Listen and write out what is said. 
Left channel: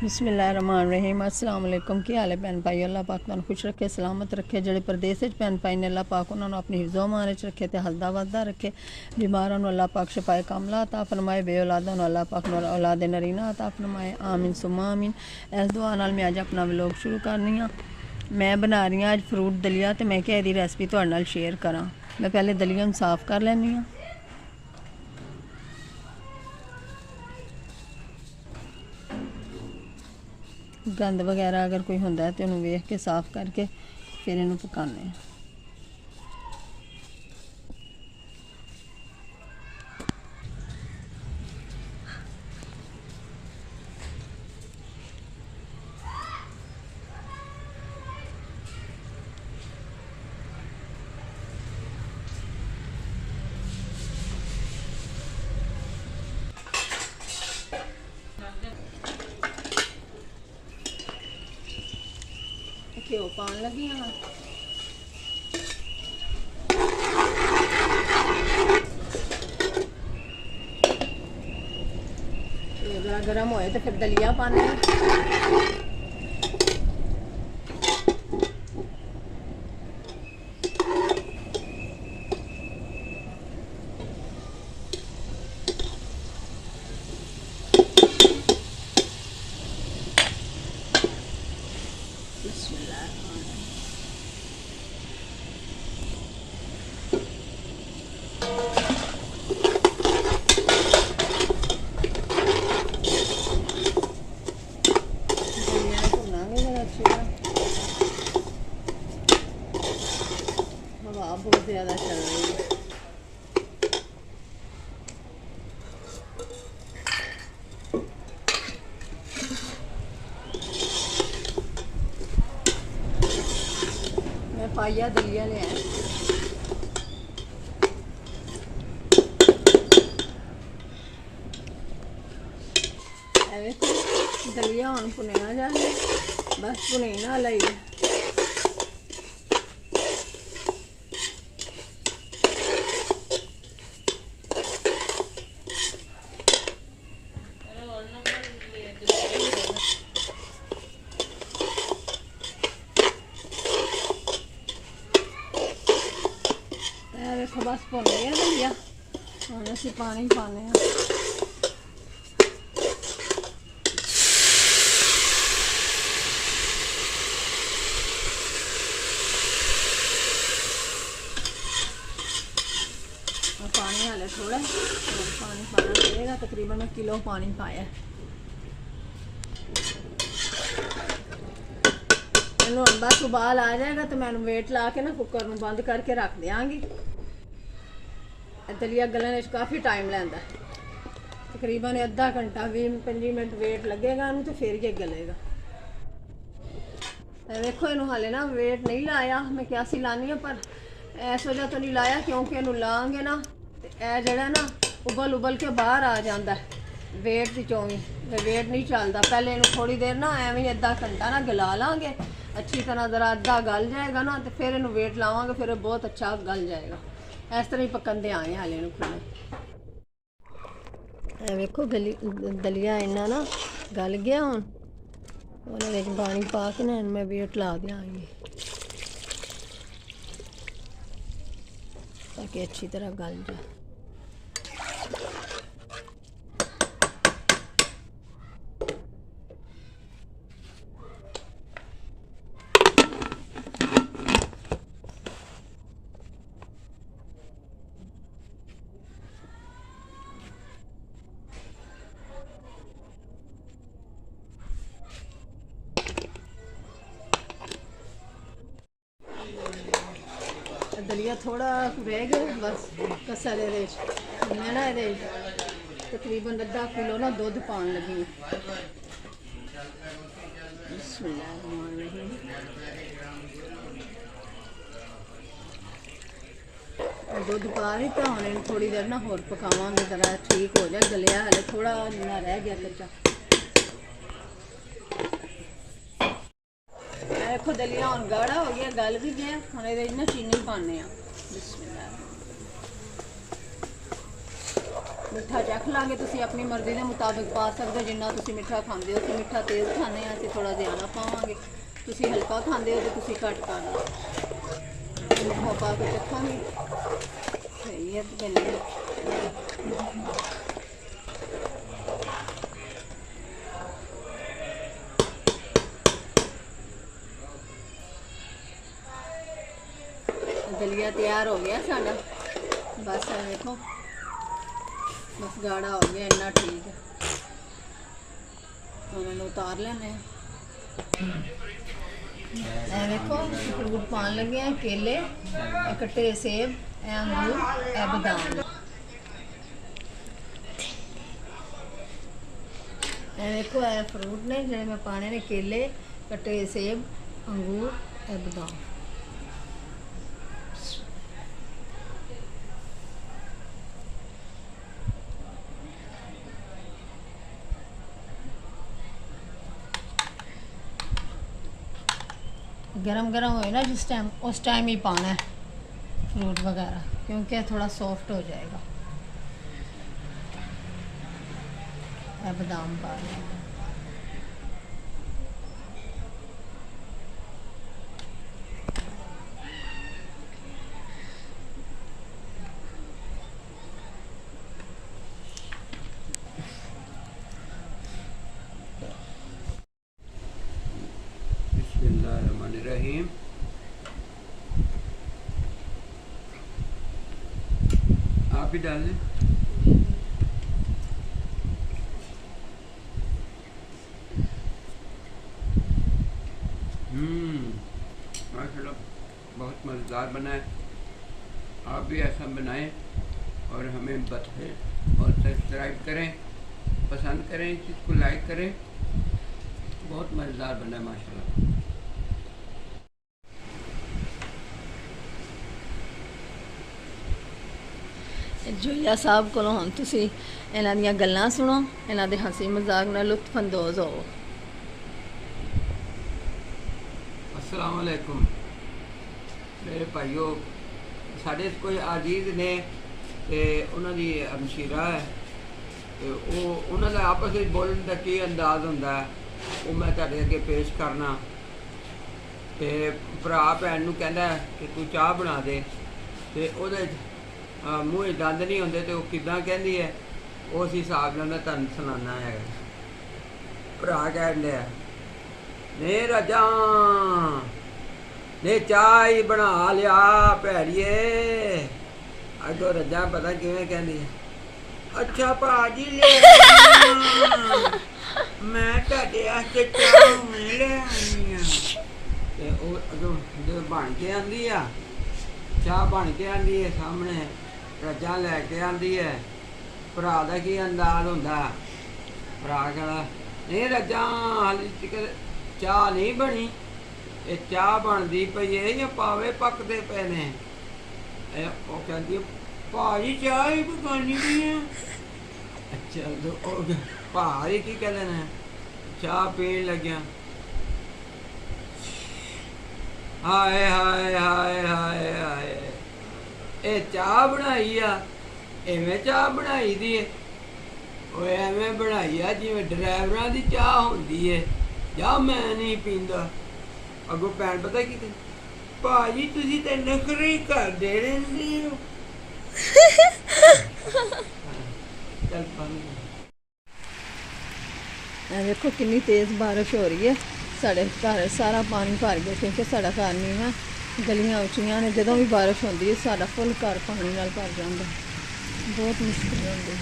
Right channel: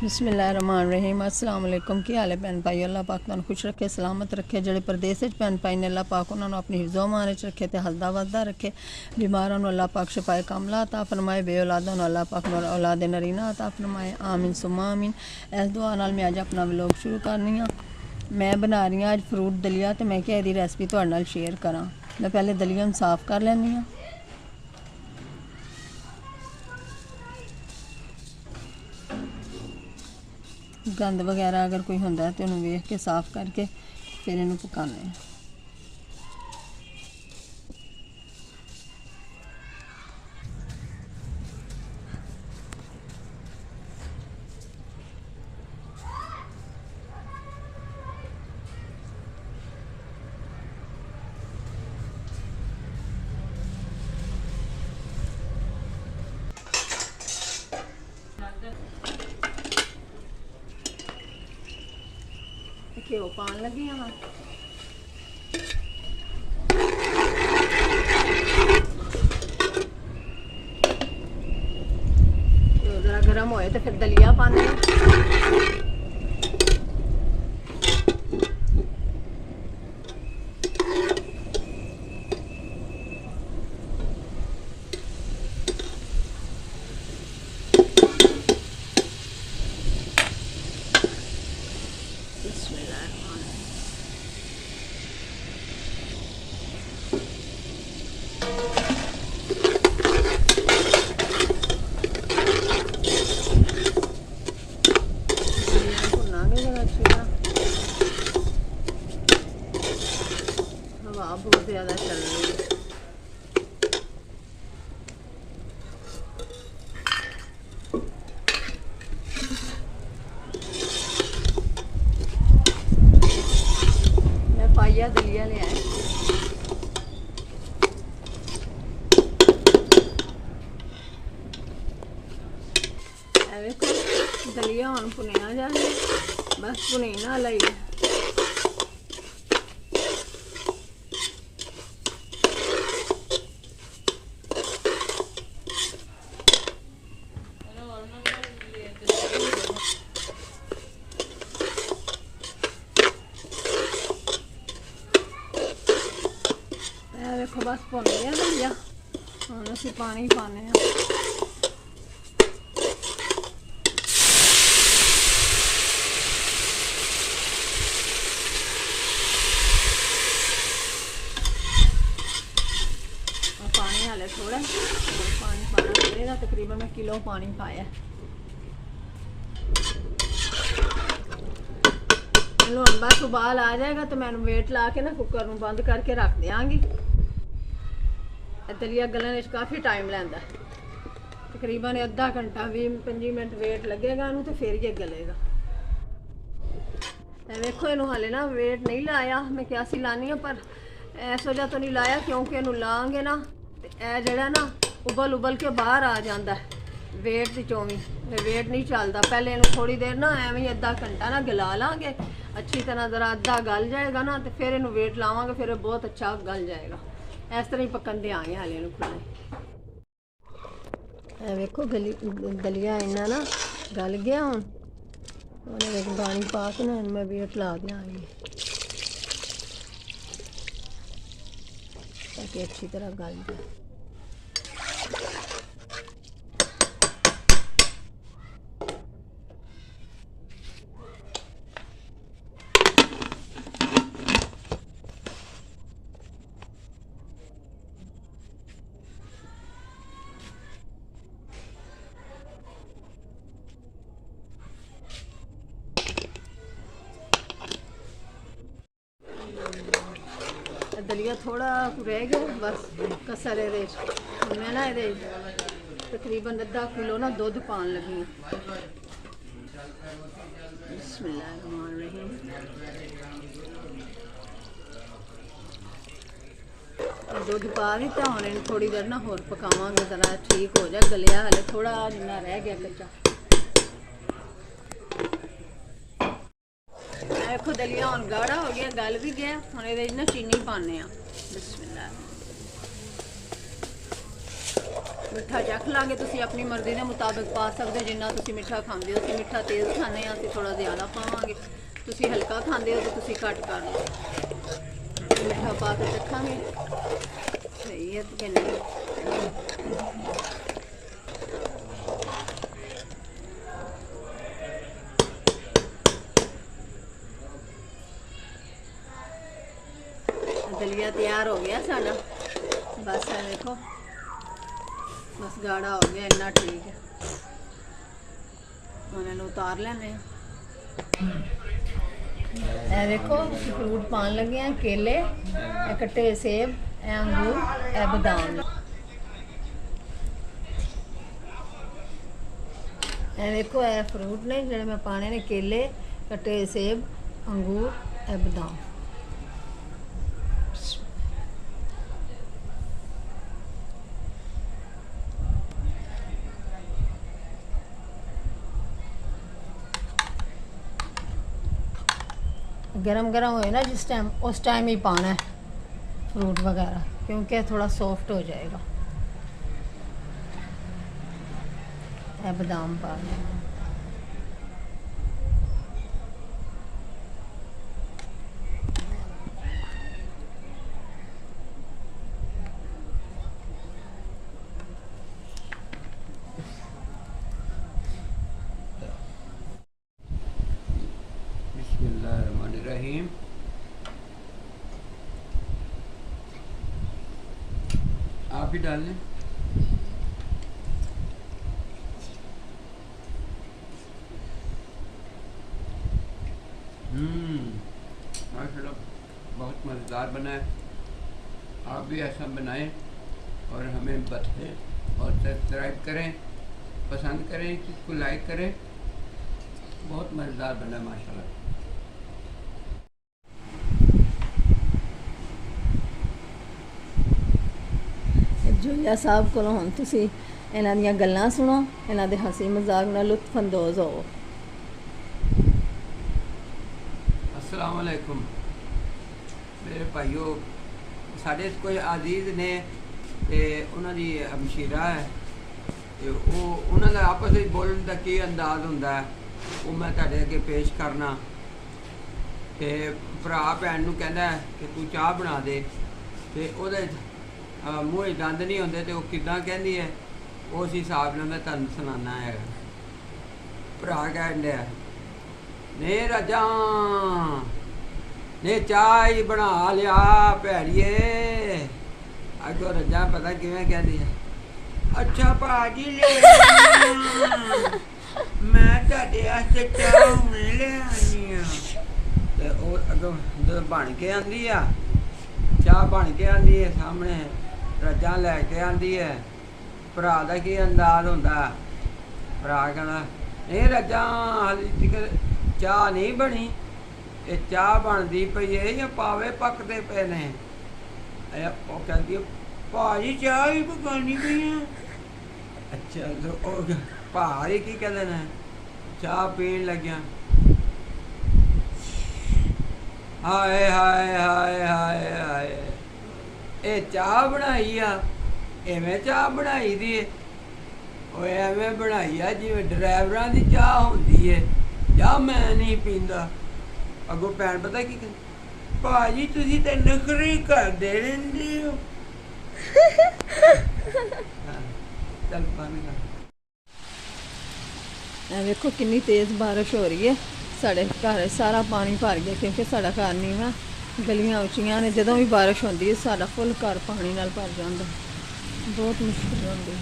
बिस्मिल्लाहिर्रहमानिर्रहीम। अस्सलाम वालेकुम। की हाल है भैन भाई? अल्लाह पाक तुहानू खुश रखे, सलामत रखे। जेड़े परदेस विच भैन भाई ने अल्लाह पाक उन्होंने अपनी हिफ्ज़ो अमान च रखे, तो हसदा वसदा रखे। बीमारां नू अल्लाह पाक शफाए कामला अता फरमाए, बे औलादां नू अल्लाह पाक औलाद नरीना अता फरमाए। आमीन सुम्मा आमीन। इस दुआ नाल मैं अज अपना व्लॉग शुरू करनी हाँ। मैं बना रही हाँ अज फ्रूट दलिया, तो मैं क्या इहदी रेसिपी तुहाडे नाल शेयर करां। मैं पहले दलिया नू साफ कर लैनी हाँ। गंद वगैरह अगर कोई होंदा है तो उन्होंने वेख के साफ करके फिर इन्हू पकाने। घ्यो पान लगी हाँ। जरा गर्म होए तो फिर दलिया पाने। हवा बहुत ज़्यादा चल रही है। मैं पाइया दलिया ले आए। देखो दलिया हम भुनिया जाए, बस भुनी ना लाइए। देखो बस भुन गया दलिया, हम असी पानी पाने हैं। पानी हाले थोड़ा पानी पाना पड़ेगा, तकरीबन मैं किलो पानी पाया। इन्हों बस उबाल आ जाएगा तो मैं वेट ला के ना कुकर में बंद करके रख देंगी। दलिया गलने काफ़ी टाइम लैंदा, तकरीबन अद्धा घंटा 20-25 मिनट वेट लगेगा इनू, तो फिर ये गलेगा। देखो इनू हाले ना वेट नहीं लाया, मैं क्या सी लानी है, पर इस वजह तो नहीं लाया क्योंकि इनू लाँगे ना तो जड़ा ना उबल उबल के बाहर आ जाता है वेट की चौवी, वेट नहीं चलता। पहले इनू थोड़ी देर ना एवं अद्धा घंटा ना गला लाँगे अच्छी तरह, जरा अद्धा गल जाएगा ना तो फिर इनू वेट लावांगे, फिर बहुत अच्छा गल जाएगा। इस तरह ही पकंदे आए हाले खिले। देखो गली दलिया इन्ना ना गल गया हूँ, उन्हें पानी पा के ना मैं वेट ला देंगी ताकि अच्छी तरह गल जाए। दलिया थोड़ा रह गया बस कसर ये, मैं ना ये तकरीबन अद्धा किलो ना दूध पान लगी। बिस्मिल्लाहिर्रहमानिर्रहीम। दूध पा दिता, हम इन थोड़ी देर ना होर पकावांगे, जरा ठीक हो जाए गलिया, हले थोड़ा जिन्ना रह गया कच्चा। देखो दलिया हम गाढ़ा हो गया, गल भी गया। हम ये ना चीनी पाने। बिस्मिल्लाह। ਮਿੱਠਾ ਚੱਖ ਲਾਂਗੇ। ਤੁਸੀਂ ਆਪਣੀ ਮਰਜ਼ੀ ਦੇ ਮੁਤਾਬਿਕ ਪਾ ਸਕਦੇ ਹੋ, ਜਿੰਨਾ ਤੁਸੀਂ ਮਿੱਠਾ ਖਾਂਦੇ ਹੋ। ਅਸੀਂ ਮਿੱਠਾ ਤੇਜ਼ ਖਾਂਦੇ ਹਾਂ, ਅਸੀਂ ਥੋੜਾ ਜ਼ਿਆਦਾ ਪਾਵਾਂਗੇ। ਤੁਸੀਂ ਹਲਕਾ ਖਾਂਦੇ ਹੋ ਤਾਂ ਤੁਸੀਂ ਘੱਟ ਕਰ ਲਓ। ਮਿੱਠਾ ਪਾ ਕੇ ਚੱਖਾਂਗੇ ਸਹੀ ਹੈ ਕਿ ਨਹੀਂ। दलिया तैयार हो गया साडा, बस है देखो, बस गाढ़ा हो गया, इन्ना ठीक है। उन्हें उतार लेने। ए देखो फ्रूट पान लगे हैं, केले, ए कट्टे सेब, ए अंगूर, ए बादाम। ए देखो ए फ्रूट ने जेडे मैं पाने ने, केले, कट्टे सेब, अंगूर, ए बादाम। गरम गरम होए ना जिस टाइम, उस टाइम ही पाना है फ्रूट वगैरह, क्योंकि थोड़ा सॉफ्ट हो जाएगा। बादाम पा लेंगे। बिस्मिल्लाहिर्रहमानिर्रहीम। आप भी डाल लें। माशाल्लाह बहुत मज़ेदार बना है। आप भी ऐसा बनाएं और हमें बताएं और सब्सक्राइब करें, पसंद करें, इस चीज़ को लाइक करें। बहुत मज़ेदार बना है माशाल्लाह। जोया साहब को हम तुसी इन्हां दियां गल्लां सुनो, इन्हां दे हंसी मजाक नाल लुत्फ अंदोज हो। अस्सलाम वालेकुम मेरे भाइयों, साढ़े कोई अजीज ने ते उन्हां दी हमशीरा है, ते ਉਹ ਉਹਨਾਂ ਦਾ ਆਪਸ ਵਿੱਚ ਬੋਲਣ ਦਾ ਕੀ ਅੰਦਾਜ਼ ਹੁੰਦਾ ਹੈ ਉਹ ਮੈਂ ਤੁਹਾਡੇ ਅੱਗੇ ਪੇਸ਼ ਕਰਨਾ। ਤੇ ਭਰਾ ਭੈਣ ਨੂੰ ਕਹਿੰਦਾ ਕਿ ਤੂੰ ਚਾਹ ਬਣਾ ਦੇ, ਤੇ ਉਹਦੇ ਮੂੰਹ ਦੰਦ ਨਹੀਂ ਹੁੰਦੇ ਤੇ ਉਹ ਕਿੱਦਾਂ ਕਹਿੰਦੀ ਹੈ, ਉਸ ਹਿਸਾਬ ਨਾਲ ਮੈਂ ਤੁਹਾਨੂੰ ਸੁਣਾਉਣਾ ਹੈਗਾ। ਭਰਾ ਕਹਿੰਦਾ ਨੇ ਰਾਜਾ ਨੇ ਚਾਹ ਹੀ ਬਣਾ ਲਿਆ ਭੈੜੀਏ। ਅੱਗੋਂ ਰੱਜਾ ਪਤਾ ਕਿਵੇਂ ਕਹਿੰਦੀ ਹੈ, ਅੱਛਾ ਭਾਜੀ ਲੈ ਮੈਂ ਤੁਹਾਡੇ ਵਾਸਤੇ ਚਾਹ ਲੈ ਆਈ ਆ। ਤੇ ਉਹ ਅੱਗੋਂ ਜਦੋਂ ਬਣ ਕੇ ਆਉਂਦੀ ਆ, ਚਾਹ ਬਣ ਕੇ ਆਉਂਦੀ ਹੈ ਸਾਹਮਣੇ, ਰੱਜਾ ਲੈ ਕੇ ਆਉਂਦੀ ਹੈ। ਭਰਾ ਦਾ ਕੀ ਅੰਦਾਜ਼ ਹੁੰਦਾ, ਭਰਾ ਕਹਿੰਦਾ ਨਹੀਂ ਰੱਜਾ ਹਾਲੇ ਤੱਕ ਚਾਹ ਨਹੀਂ ਬਣੀ, ਇਹ ਚਾਹ ਬਣਦੀ ਪਈ ਹੈ ਜਾਂ ਪਾਵੇ ਪੱਕਦੇ ਪਏ ਨੇ। ਉਹ ਕਹਿੰਦੀ ਭਾਜੀ ਚਾਹ ਹੀ ਪਕਾਉਣੀ ਪਈ ਆ। ਅੱਛਾ ਉਹ ਭਾਰੀ ਕੀ ਕਹਿੰਦੇ ਨੇ, ਚਾਹ ਪੀਣ ਲੱਗਿਆ। ਹਾਏ ਹਾਏ ਹਾਏ ਹਾਏ ਹਾਏ, ਇਹ ਚਾਹ ਬਣਾਈ ਆ, ਐਵੇਂ ਚਾਹ ਬਣਾਈ ਦੀ ਏ। ਉਹ ਐਵੇਂ ਬਣਾਈ ਆ ਜਿਵੇਂ ਡਰਾਈਵਰਾਂ ਦੀ ਚਾਹ ਹੁੰਦੀ ਏ, ਜਾਂ ਮੈਂ ਨਹੀਂ ਪੀਂਦਾ। ਅੱਗੋਂ ਭੈਣ ਪਤਾ ਕੀ ਕਹਿੰਦੀ, ਭਾਜੀ ਤੁਸੀਂ ਤੇ ਨਖਰੇ ਕਰਦੇ ਰਹਿੰਦੇ ਹੋ। ਚੱਲ ਪਾਣੀ देखो कितनी तेज़ बारिश हो रही है, साढ़े घर सारा पानी भर गया, क्योंकि साढ़ा घर नीवा, गलियां उच्चियां ने। जदों भी बारिश होती है साढ़ा फुल घर पानी नाल भर जाता, बहुत मुश्किल होती है।